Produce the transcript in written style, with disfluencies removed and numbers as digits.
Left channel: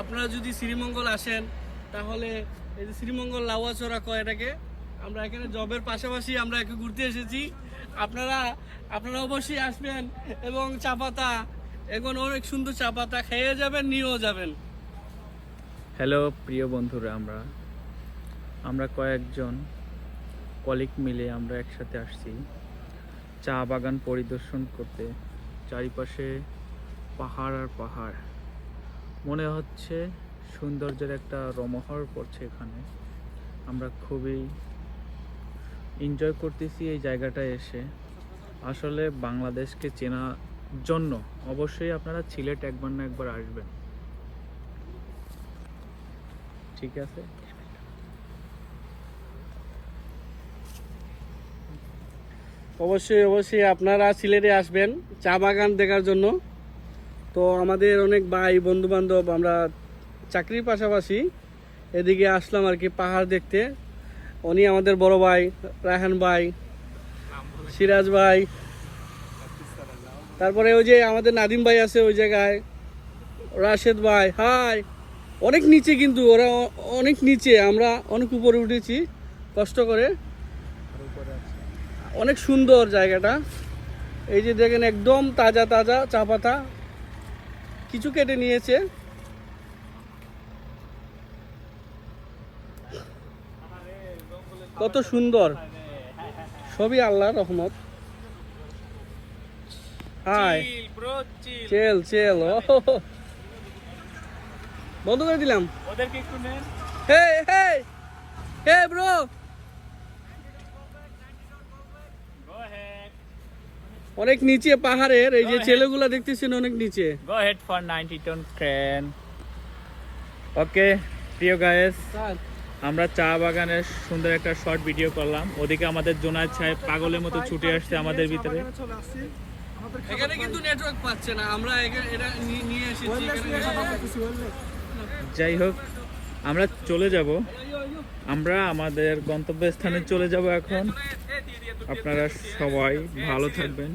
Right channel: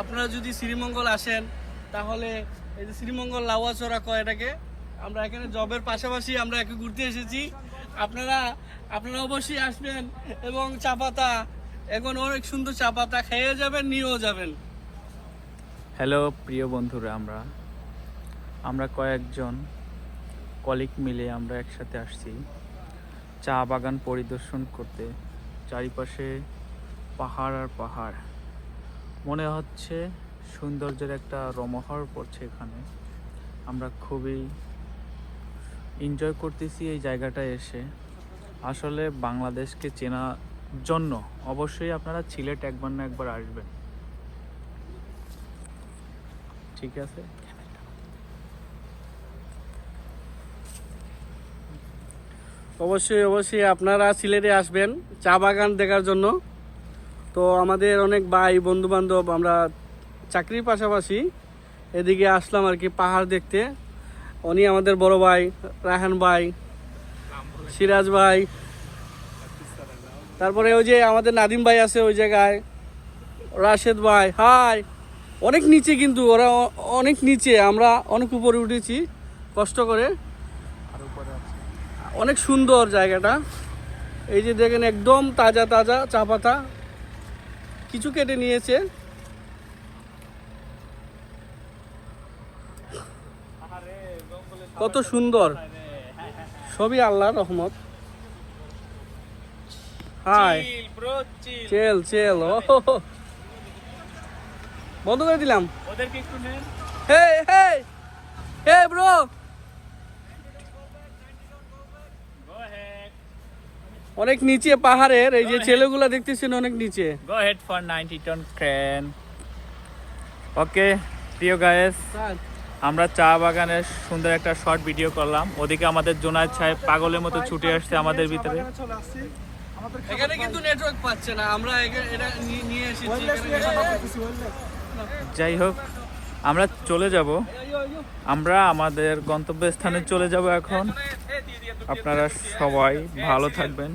আপনারা যদি শ্রীমঙ্গল আসেন তাহলে এই যে শ্রীমঙ্গল লাউয়াচড়া কয় এটাকে, আমরা এখানে জবের পাশাপাশি আমরা একে ঘুরতে এসেছি। আপনারা অবশ্যই আসবেন এবং চা পাতা, এখন অনেক সুন্দর চা পাতা খেয়ে যাবেন, নিয়েও যাবেন। হ্যালো প্রিয় বন্ধুরা, আমরা কয়েকজন কলিগ মিলে আমরা একসাথে আসছি চা বাগান পরিদর্শন করতে। চারিপাশে পাহাড় আর পাহাড়, মনে হচ্ছে সৌন্দর্যের একটা রোমহর পড়ছে এখানে। আমরা খুবই এনজয় করতেছি এই জায়গাটায় এসে। আসলে বাংলাদেশকে চেনার জন্য অবশ্যই আপনারা সিলেট একবার না একবার আসবেন, ঠিক আছে? অবশ্যই আপনারা সিলেটে আসবেন চা বাগান দেখার জন্য। তো আমাদের অনেক ভাই বন্ধু বান্ধব, আমরা চাকরির পাশাপাশি এদিকে আসলাম আর কি পাহাড় দেখতে। উনি আমাদের বড় ভাই রাহান ভাই, সিরাজ ভাই, তারপরে ওই যে আমাদের নাদিম ভাই আছে ওই জায়গায়, রাশেদ ভাই। হাই, অনেক নিচে, কিন্তু ওরা অনেক নিচে, আমরা অনেক উপরে উঠেছি কষ্ট করে। অনেক সুন্দর জায়গাটা, এই যে দেখেন একদম তাজা তাজা চা পাতা, কিছু কেটে নিয়েছে। কত সুন্দর, সবই আল্লাহর রহমত। হাই, চেল বন্ধ করে দিলাম। হে ব্রো, অনেক নিচে পাহাড়ের, এই যে ছেলেগুলা দেখতেছেন অনেক নিচে। Go ahead for 90 ton crane. ওকে প্রিয় গায়েস, আমরা চা বাগানের সুন্দর একটা শর্ট ভিডিও করলাম। ওদিকে আমাদের জোনায়েদ সাহেব পাগলের মতো ছুটে আসছে আমাদের ভিতরে। এখানে কিন্তু নেটওয়ার্ক পাচ্ছে না, আমরা এটা নিয়ে এসেছি। যাই হোক, আমরা চলে যাব, আমরা আমাদের গন্তব্যস্থানে চলে যাব এখন। আপনারা সবাই ভালো থাকবেন।